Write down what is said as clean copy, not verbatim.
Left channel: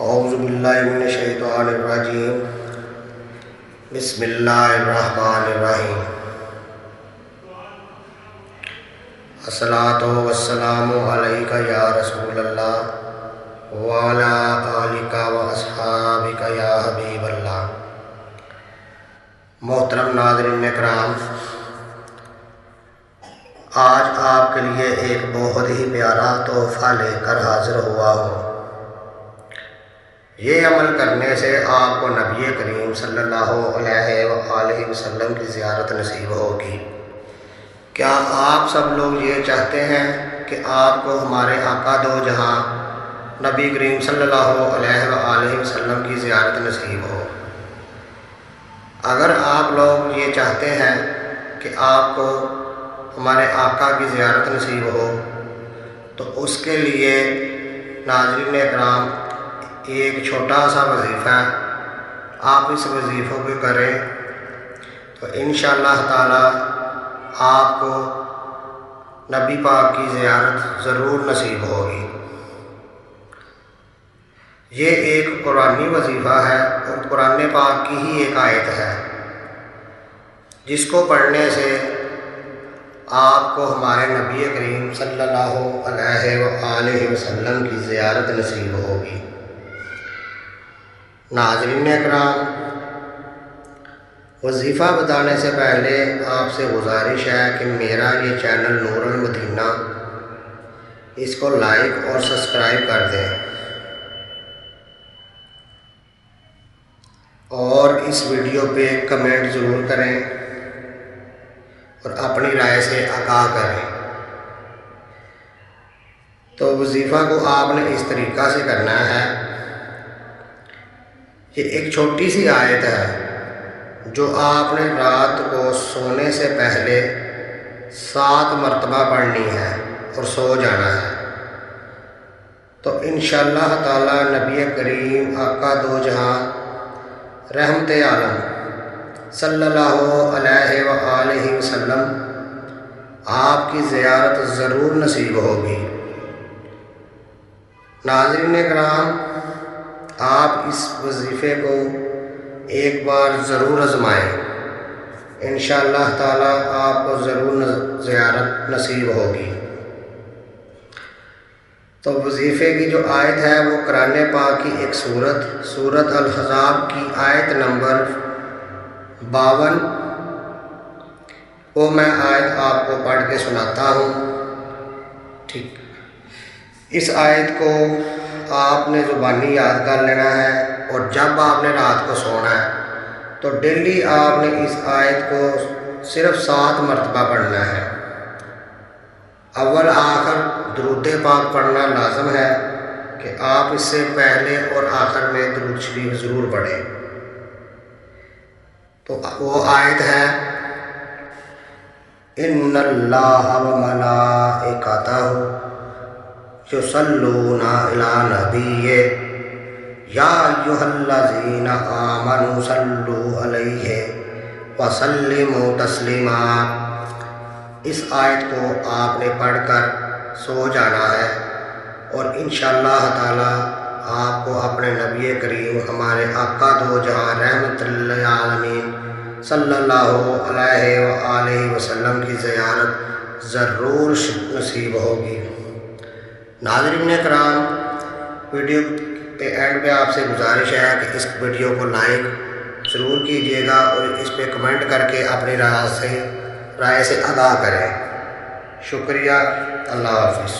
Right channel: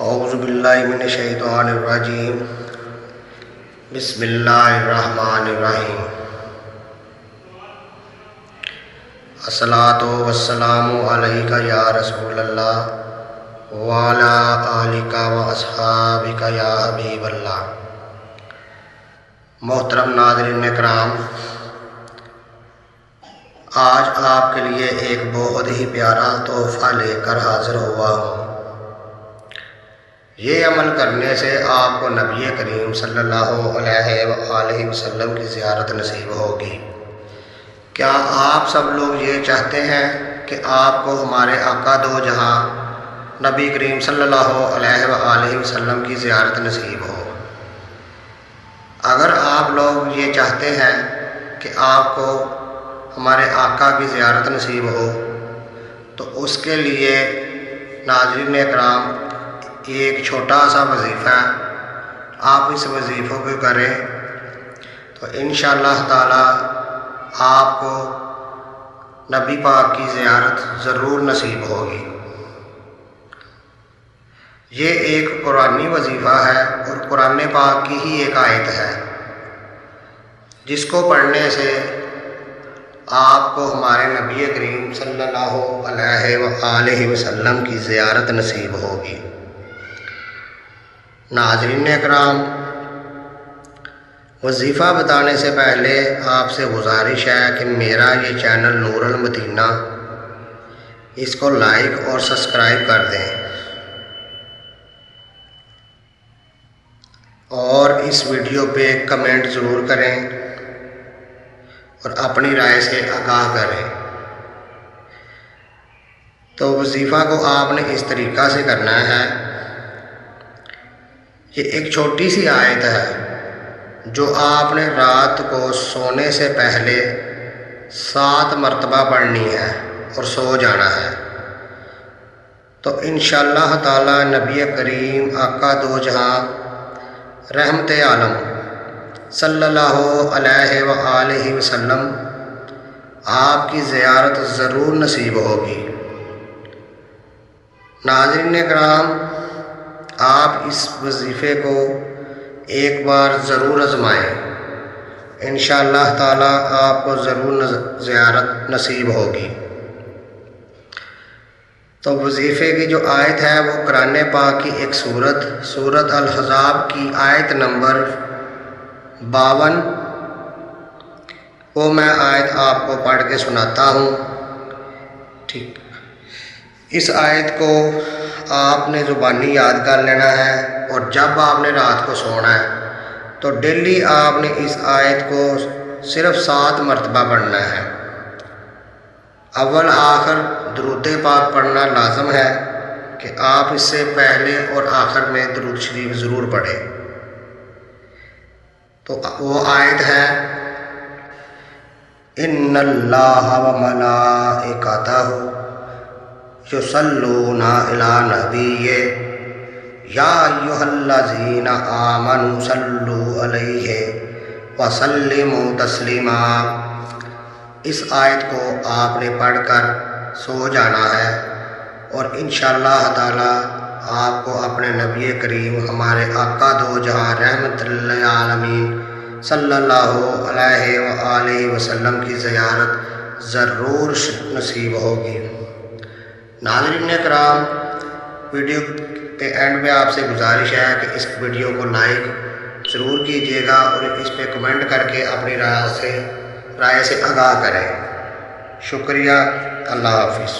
اعوذ باللہ من الشیطان الرجیم بسم اللہ الرحمن الرحیم الصلاۃ والسلام علیک یا رسول اللہ وعلی آلک واصحابک یا حبیب اللہ۔ محترم ناظرین کرام، آج آپ کے لیے ایک بہت ہی پیارا تحفہ لے کر حاضر ہوا ہوں۔ یہ عمل کرنے سے آپ کو نبی کریم صلی اللہ علیہ وآلہ وسلم کی زیارت نصیب ہوگی۔ کیا آپ سب لوگ یہ چاہتے ہیں کہ آپ کو ہمارے آقا دو جہاں نبی کریم صلی اللہ علیہ وآلہ وسلم کی زیارت نصیب ہو؟ اگر آپ لوگ یہ چاہتے ہیں کہ آپ کو ہمارے آقا کی زیارت نصیب ہو تو اس کے لیے ناظرین اکرام ایک چھوٹا سا وظیفہ آپ اس وظیفے کو کریں تو انشاءاللہ تعالی آپ کو نبی پاک کی زیارت ضرور نصیب ہوگی۔ یہ ایک قرآنی وظیفہ ہے اور قرآن پاک کی ہی ایک آیت ہے جس کو پڑھنے سے آپ کو ہمارے نبی کریم صلی اللہ علیہ وآلہ وسلم کی زیارت نصیب ہوگی۔ ناظرین اکرام، وظیفہ بتانے سے پہلے آپ سے گزارش ہے کہ میرا یہ چینل نور المدینہ، اس کو لائک اور سبسکرائب کر دیں اور اس ویڈیو پہ کمنٹ ضرور کریں اور اپنی رائے سے آگاہ کریں۔ تو وظیفہ کو آپ نے اس طریقہ سے کرنا ہے، یہ ایک چھوٹی سی آیت ہے جو آپ نے رات کو سونے سے پہلے 7 مرتبہ پڑھنی ہے اور سو جانا ہے۔ تو انشاءاللہ تعالی نبی کریم آقا دو جہاں رحمت عالم صلی اللہ علیہ وآلہ وسلم آپ کی زیارت ضرور نصیب ہوگی۔ ناظرین کرام، آپ اس وظیفے کو ایک بار ضرور آزمائیں، انشاءاللہ تعالی آپ کو ضرور زیارت نصیب ہوگی۔ تو وظیفے کی جو آیت ہے وہ قرآن پاک کی ایک سورت الاحزاب کی آیت نمبر 52، وہ میں آیت آپ کو پڑھ کے سناتا ہوں۔ ٹھیک، اس آیت کو آپ نے زبانی یاد کر لینا ہے اور جب آپ نے رات کو سونا ہے تو ڈیلی آپ نے اس آیت کو صرف 7 مرتبہ پڑھنا ہے۔ اول آخر درود پاک پڑھنا لازم ہے کہ آپ اس سے پہلے اور آخر میں درود شریف ضرور پڑھیں۔ تو وہ آیت ہے، ان اللہ وملائکتہ یصلون علی نبی یا ایھا الذین آمنوا صلوا علیہ وسلموا تسلیما۔ اس آیت کو آپ نے پڑھ کر سو جانا ہے اور انشاءاللہ تعالی آپ کو اپنے نبی کریم ہمارے آقا دو جہاں رحمت للعالمین صلی اللہ علیہ وآلہ وسلم کی زیارت ضرور نصیب ہوگی۔ ناظرین کرام، ویڈیو کے اینڈ میں آپ سے گزارش ہے کہ اس ویڈیو کو لائک ضرور کیجیے گا اور اس پہ کمنٹ کر کے اپنی رائے سے آگاہ کریں۔ شکریہ، اللہ حافظ۔